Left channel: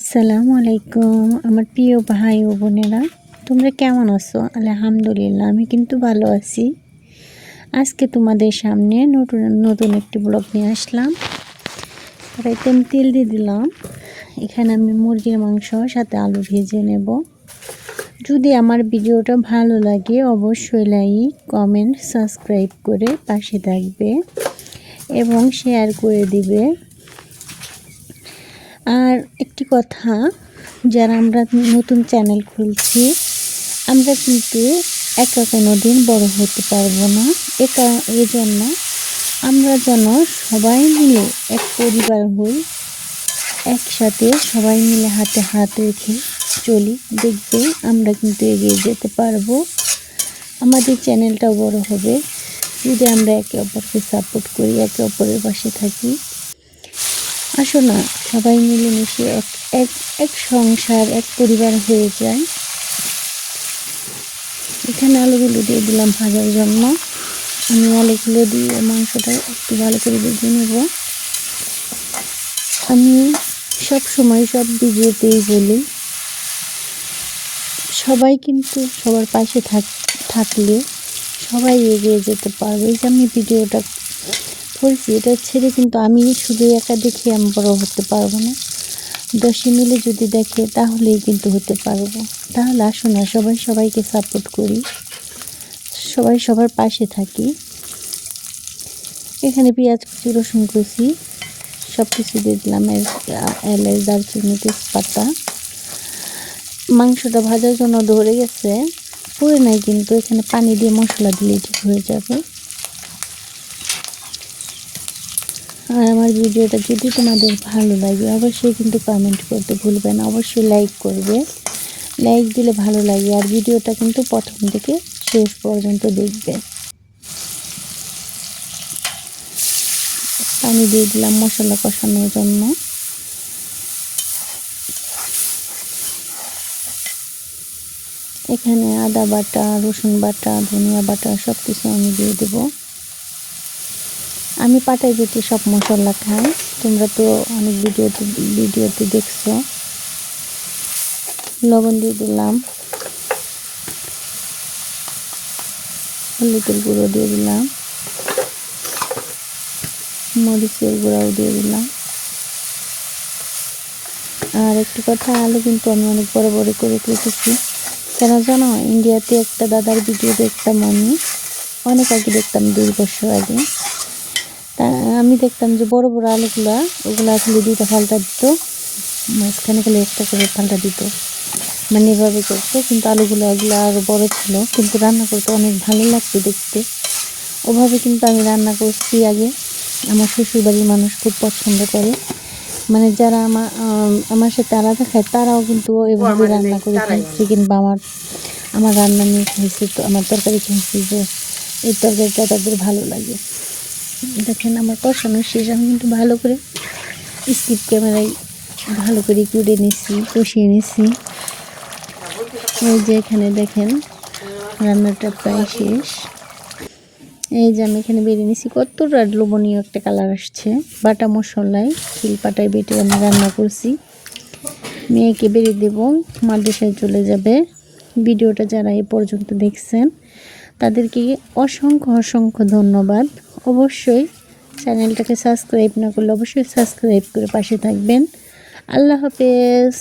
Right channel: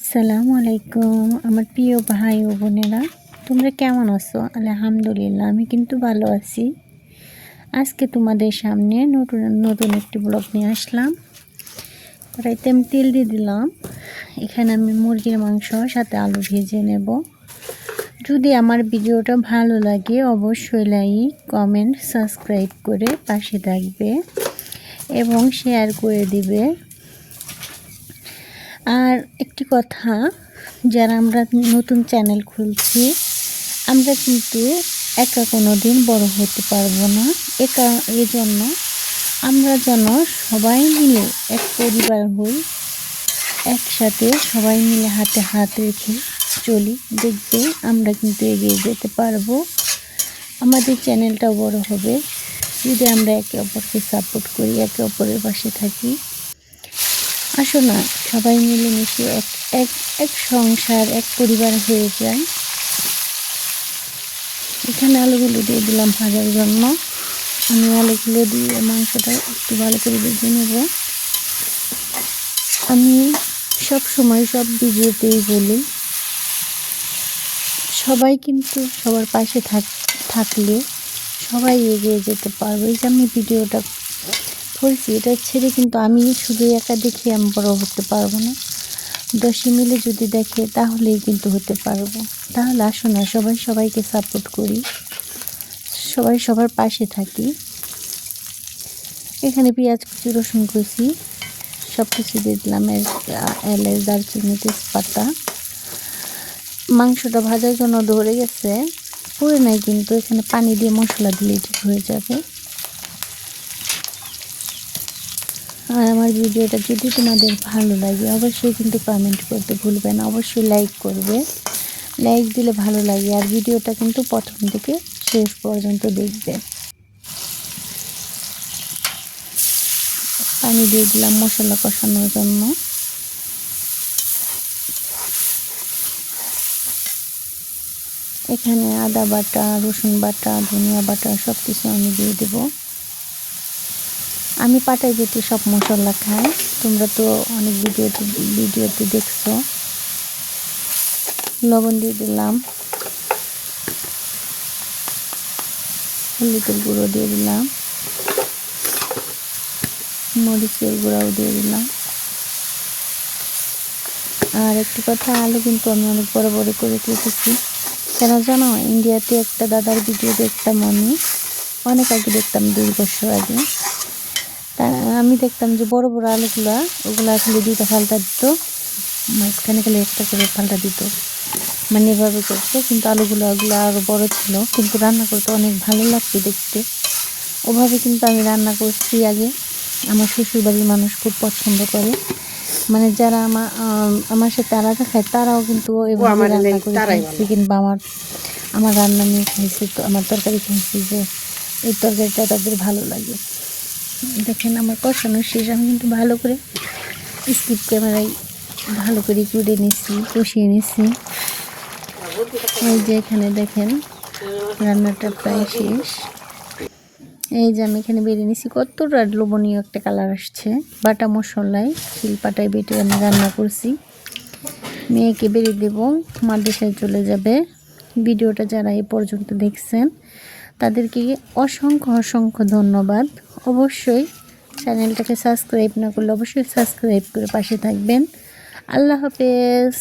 আসসালামু আলাইকুম, আমার প্রিয় ভাই ও বোনেরা, তোমরা কেমন আছো? আলহামদুলিল্লাহ, আমি কিন্তু ভালো আছি। আজকে তোমাদের সামনে নতুন নতুন একটি ব্লগ নিয়ে আসলাম। কড়াইতে আমি তেল দিয়ে দিলাম। এখানে আমি মুরগির মাংস, সাথে আলু ভেজে নেব। যদি আমার ভিডিওটা ভালো লাগে, অবশ্যই লাইক কমেন্ট সাবস্ক্রাইব করে পাশে থাকবে এবং শেয়ার করে দিবে। কথা, যারা আমরা নতুন চ্যানেল খুলছি, আমরা কিন্তু একা কোনো দিন বড় হতে পারব না। একা এই জন্য আমরা যেন সবাই মিলে এক পরিবার হই, একসাথে সবাই মিলে হাতে হাত রেখে চলি। দেখবে আমরা কিন্তু এগিয়ে যেতে পারব। আমাদের চ্যানেলটাও বড় হবে। যদি আমরা একে অপরকে সাপোর্ট করি, একে অপরের পাশে থাকি, আসো না, সবাই মিলেমিশে এক এক এক সংসার, এক পরিবার হয়ে যায়। এখানে আলুগুলো দিয়ে দিলাম ভাজার জন্য। আমি আলুগুলো দিয়ে মাংসটা একটু ভালো করে ভেজে নেব। আমি সব সময় সব ভিডিওতেই বলি, সবাই কিন্তু সবার পাশে থাক, থাকলে সবাই এগিয়ে যেতে পারবে। এই যে আমি ভিডিওটা করছি, এটা ছেড়ে কিন্তু আমি শুধু একা দেখে আমি বড় হতে পারব না। দশে মিলে যদি দেখে, তাহলেই কিন্তু হতে পারব। তাহলে আসো না, সবাই সবাইকে সাপোর্ট করি। সবাই সবার পাশে থাকি। এখানে পেঁয়াজ, কুচি, রসুন কুচি সব কিছু দিয়ে দিলাম। এলাচ দারচিনি, তেজপাতা। মাংসটা ভাজার জন্য ধরে গেছে। পুরে নাই কিন্তু, এখানে পানি দিয়ে মশলা দিলে ঠিক হয়ে যাবে। আর আমার ভিডিওটা যদি তোমাদের ভালো লাগে, অবশ্যই কিন্তু কমেন্ট করতে ভুলবে না, অবশ্যই লাইক করবে। লাইক দিলে ভালো লাগে, আর ভিডিওটা কিন্তু প্রথম থেকে শেষ পর্যন্ত দেখবে। পানি দিয়ে দিলাম মশলা কষানোর জন্য। এখানে আদা বাটা, রসুন বাটা, ধনিয়া বাটা সব কিছু আমি দিয়ে দেবো। আমি পাটায় যেতে সব মশলা খাই তোমরা তো অনেক ভিডিওতে ভিডিওতে দেখছ। লবণ দিয়ে দিলাম। হলুদের গুঁড়ো দিয়ে দিলাম। মরিচের গুঁড়াও দিয়ে দিলাম। আর একটি কথা, আলু কিন্তু আমি অনেক বড় বড় করে কেটেছি। কেন জানো ইন্ডিয়াতে একটা দাদার ভিডিও দেখতাম আমি। অনেক আগে দেখতাম, দুই বছর আগে। দেখতাম যে বড় বড় আলুগুলো ওগুলো আসলে দুইটা ফালটা দিত মাঝখানে গেলে একটা করে ফালটা দিত। মানে এভাবে করতো কিন্তু আলুগুলো ওগুলো আরও বড় ছিল। কিন্তু রান্না করতে অনেক ভালো লাগতো দেখতে। ওভাবে কিন্তু আমি রান্না করছি আগে। আমার শ্বশুরবাড়ির মানুষ খুব পছন্দ করে। মানে যারা আমার আমার সাথে আলাদা খায় তারাও কিন্তু এভাবে রান্না করে খাইছে কিংবা আমার আমার রান্না নিয়ে খাইছে তো আমার তরকারি খাইছি যে এই তরকারিটা তাদের ভালো লাগে। দেখেন আমার কষানো শেষ, আমি কিন্তু ভালো করে স্কিপ ক্যামেরায় ভালো করে কুড়ে নিচ্ছি কষিয়ে নিচ্ছি এই যে এখানে দেখেন, রান্নাটা প্রায় শেষ। এই যে আমি এখানে বেরিয়ে নিচ্ছি কতটা লোভনীয় একটা কালার আসছে। বাটা মশলায় শিল পাটায় বেটে আমি রান্না করছি। মেয়েকে বেরিয়ে দেবো, মাদ্রাসায় চলে যাবে। ভিডিওটা যারা এ পর্যন্ত দেখছেন, তাদেরকে অসংখ্য অসংখ্য ধন্যবাদ। অবশ্যই চ্যানেলটাকে সাবস্ক্রাইব না করলে অবশ্যই সাবস্ক্রাইব করে পাশে থাকবেন। আল্লাহ হাফেজ।